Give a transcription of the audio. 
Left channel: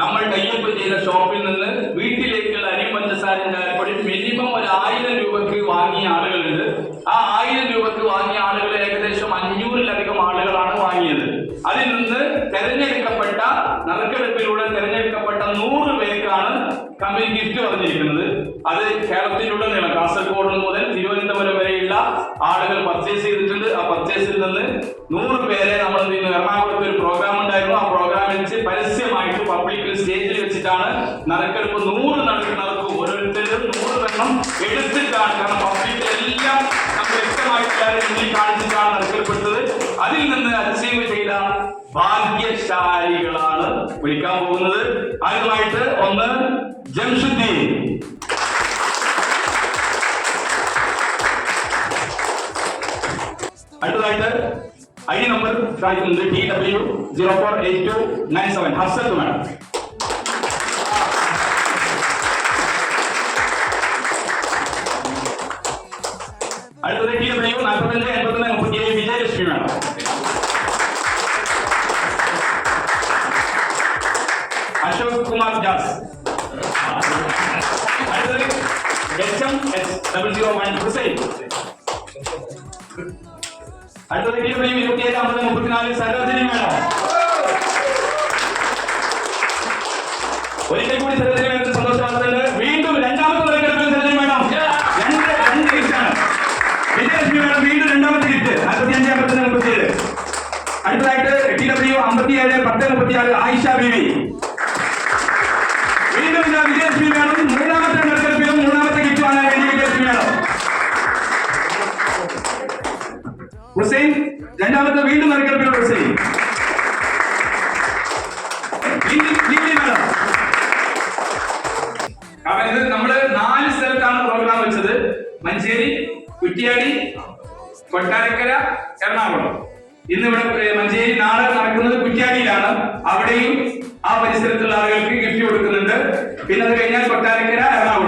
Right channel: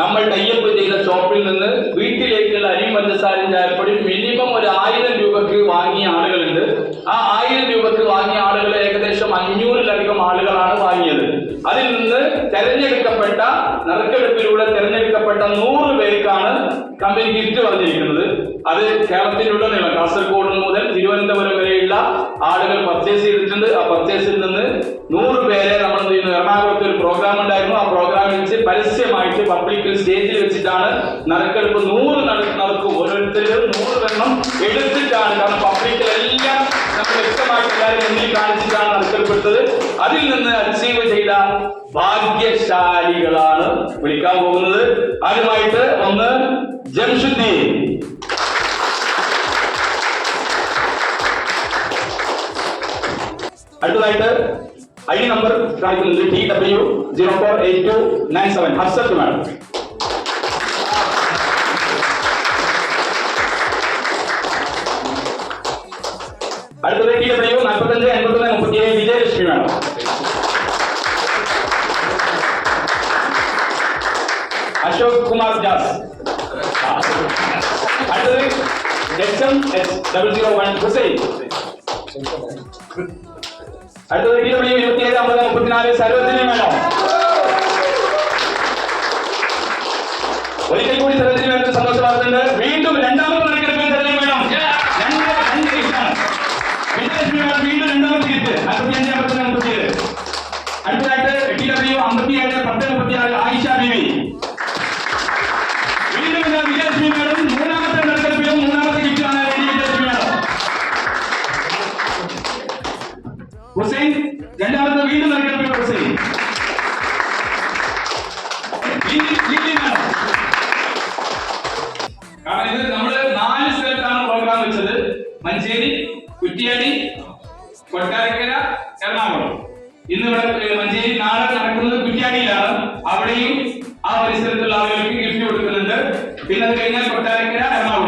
നമ്മൾ കയ്യൊപ്പ് ചെയ്ത ഷോപ്പിൽ നിന്ന് വീട്ടിലേക്കുള്ള അരി പഞ്ചസാരയും ചായപ്പൊടി മിനിമം ഒരു ആയിരം രൂപക്ക് വാങ്ങിയ ആളുകളുണ്ട്. ആ ആയിരം രൂപക്ക് വാങ്ങിയ ആളുകൾ ഏകദേശം അഞ്ഞൂറിലധികം ആളുകളാണ് വാങ്ങിയത്. അതിൽ നിന്ന് തെരഞ്ഞെടുക്കപ്പെട്ട നറുക്കെടുപ്പിലൂടെ തെരഞ്ഞെടുപ്പ് നൂറ് പേർക്കാണ് കമ്പനി ഗിഫ്റ്റ് വന്നിരിക്കുന്നത്. അത് കേരളത്തിലുടനീളം കാസർഗോഡ് മുതൽ തിരുവനന്തപുരം വരെയുള്ള ആളുകൾ പർച്ചേസ് ചെയ്തിട്ടുണ്ട്. ആ പർച്ചേസിൽ നിന്ന് നൂറ് പേരെ നമ്മൾ എറണാകുളത്ത് ഒരു പ്രോഗ്രാം ഉണ്ടായിരുന്നു. ആ പ്രോഗ്രാമിൽ വെച്ച് പരസ്യമായിട്ട് പബ്ലിക്കിൽ സ്റ്റേജിൽ വെച്ചിട്ടാണ് നറുക്കെടുപ്പ് നൂറ് നട- നടക്കും. ഓരോരുത്തരും നൂറ് എണ്ണം എടുത്തിട്ടാണ്. കാരണം പബ്ലിക്കിലെല്ലാം നമ്മൾ വ്യക്തമായിട്ട് എല്ലാവരും കാണിച്ചിട്ടാണ് നറുക്കെടുപ്പെടുത്തത് അതിൽ നിന്ന് അച്ചീവ് ചെയ്ത ഭാഗ്യശാലികളാണ് വിളിക്കാൻ പോകുന്നത്. ആദ്യമായിട്ട് ഒന്ന് ജംഷുദ്ദീൻ. അടുത്തതായിട്ട് ഐ ഡി നമ്പർ കാണിക്കുന്നത് T W zero four eight two nine seven. Harshath madam അടുത്തത് ടി ഡബ്ല്യു നാൽപ്പത്തഞ്ച് എൺപത്തൊന്ന് മുപ്പത്തി ഏഴ് വിജയലക്ഷ്മി മാഡം. അശോക് കുമാർ ദാസ്. മേഡം വീണ്ടും രണ്ടാമത്തെ വീണ്ടും രണ്ടാമത്തെ അടുത്തതായിട്ട് ടി ആയിഷ വീണ്ടും ഇതാ വിജയലക്ഷ്മി മൂന്നാമത്തെ നറുക്കെടുപ്പിലും മൂന്നാമത്തെ വേണ്ടി വിജയലക്ഷ്മി മേഡം. രണ്ടാമത്തെ വീണ്ടും നറുക്കെടുപ്പിലുള്ള ഹുസൈൻ. കാരണം ഇത് നമ്മൾ നാല് സ്ഥലത്താണ് പ്രോഗ്രാം വെച്ചത്. മഞ്ചേരി കുറ്റിയാടി കൊട്ടാരക്കര എറണാകുളം. ഇന്ന് ഇവിടെ മഞ്ചേരി നാളെ നടക്കുന്നത് കുറ്റ്യാടിയിലാണ്. അവിടെയും പരിസരത്തുള്ള ആളുകൾക്ക് ഗിഫ്റ്റ് കൊടുക്കുന്നുണ്ട്. പിന്നെ അത് കഴിഞ്ഞാൽ കൊട്ടാരക്കര എറണാകുളം.